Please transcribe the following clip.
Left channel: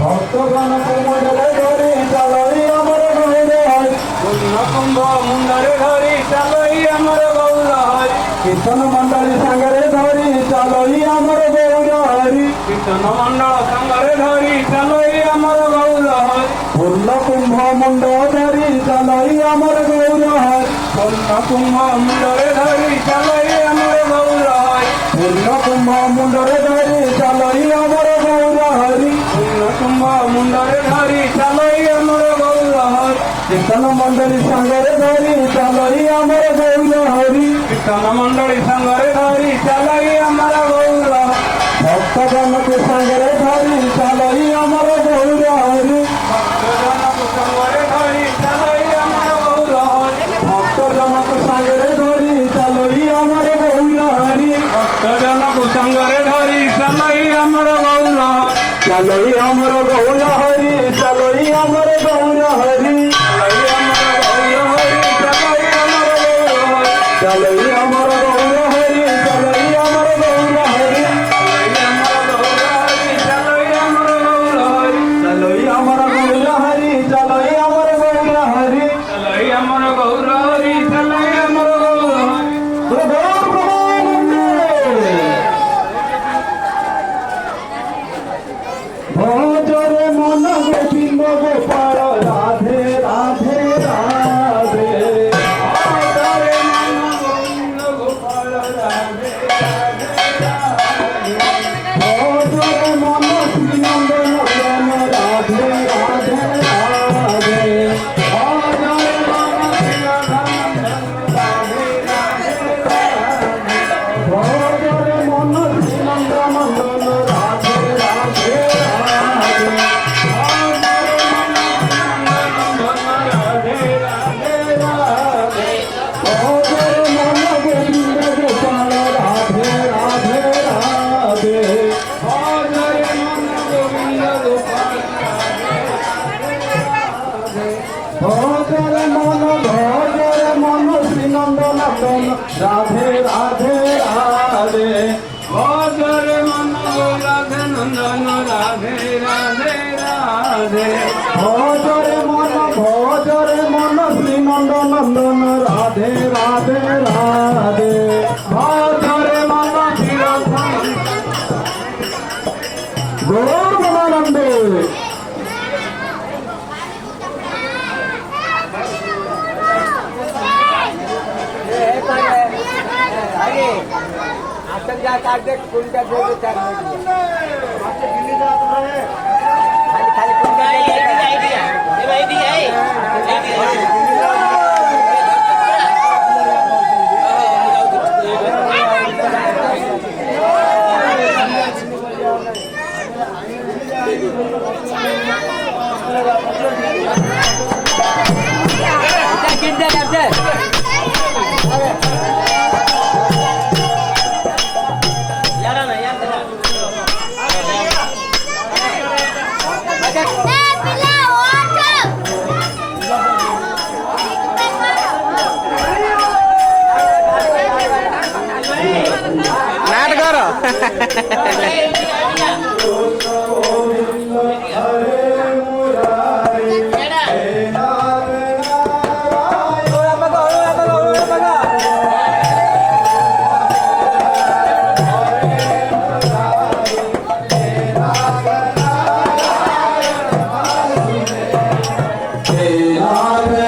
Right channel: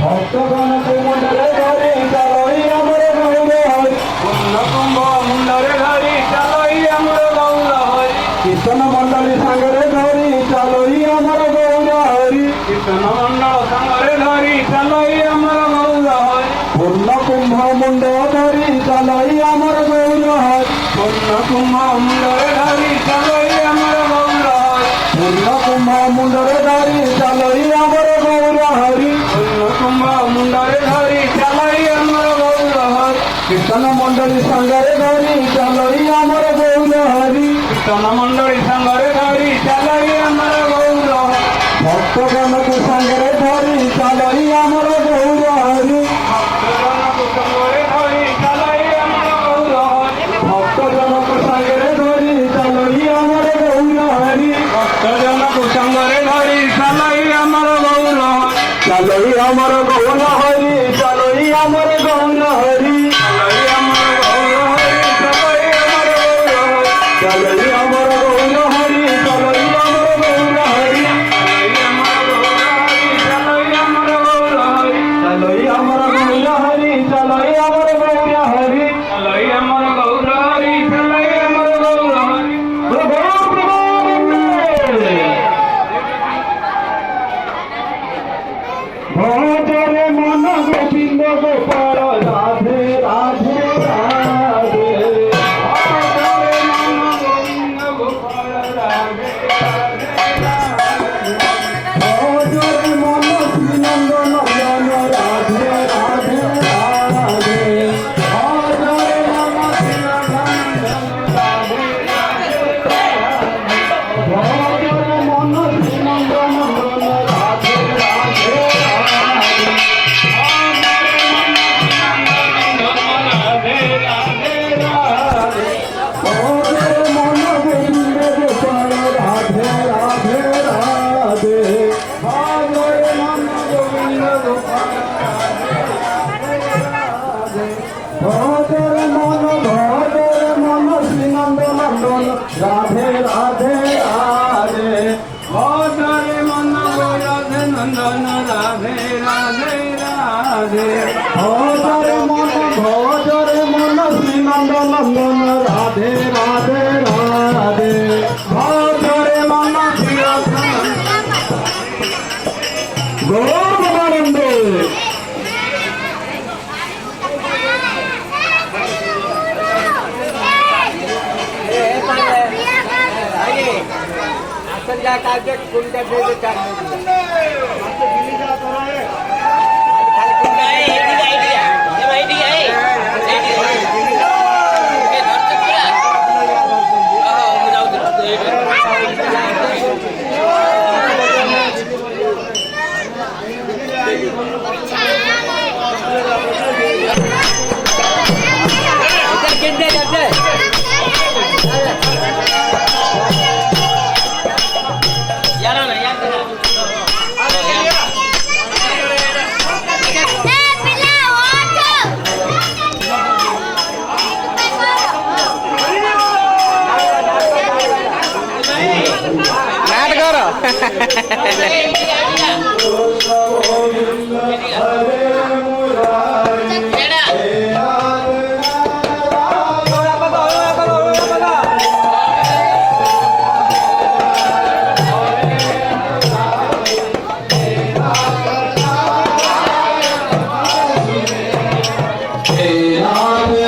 ভক্তগণ কুমণ্ডলে ধরি চালই আমার গৌর হরি কুম্ভ মুন্ডরে ধরি চালই আমার গৌর হরি কীর্তন মণ্ডলী সাগরে ধরি চালই আমার গৌর হরি কীর্তন মণ্ডল সাগরে ধরি চালই আমার গৌর হরি পূর্ণ কুম্ভ মুন্ড ধরি চালই আমার গৌর হরি পূর্ণ কুম্ভ মুন্ডরে ধরি চালই আমার গৌর হরি পূর্ণ কুম্ভ মুন্ডরে ধরি চালই আমার গৌর হরি কুম্ভ মুন্ডরে ধরি চালই আমার গৌর হরি কীর্তন মণ্ডলী সাগরে ধরি চালই আমার গৌর হরি কীর্তন মণ্ডলী সাগরে ধরি চালই আমার গৌর হরি ভক্তগণকে সাগরে ধরি চালই আমার গৌর হরি ভক্তজনকে সাগরে ধরি চালই আমার গৌর হরি ভক্তজনকে সাগরে ধরি চালই আমার গৌর হরি ভক্তজনকে সাগরে ধরি চালই আমার গৌর হরি চালই আমার গৌর হরি চালই আমার গৌর হরি চালই আমার গৌর হরি চালই আমার গৌর হরি চালই আমার গৌর হরি চালই আমার গৌর হরি চালই আমার গৌর হরি চালই আমার গৌর হরি চালই আমার গৌর হরি ভজরে মন গোবিন্দ গোপাল রাধে রাধে রাধে ভজরে মন গোবিন্দ গোপাল রাধে রাধে ভজরে মন শ্রীনন্দ নন্দন রাধে রাধে রাধে ভজরে মন শ্রীনন্দ রাধে রাধে ভজরে মন শ্রীনন্দ নন্দন রাধে রাধে রাধে রাধে রাধে ভজরে মন রাধে নন্দন রাধে রাধে রাধে ভজরে মন শ্রীনন্দ নন্দন রাধে রাধে রাধে ভজরে মন গৌরবানন্দে जा काटे कुंडा दे दे चार में खाली कुंडा आइडिया ये आइडिया है नाथ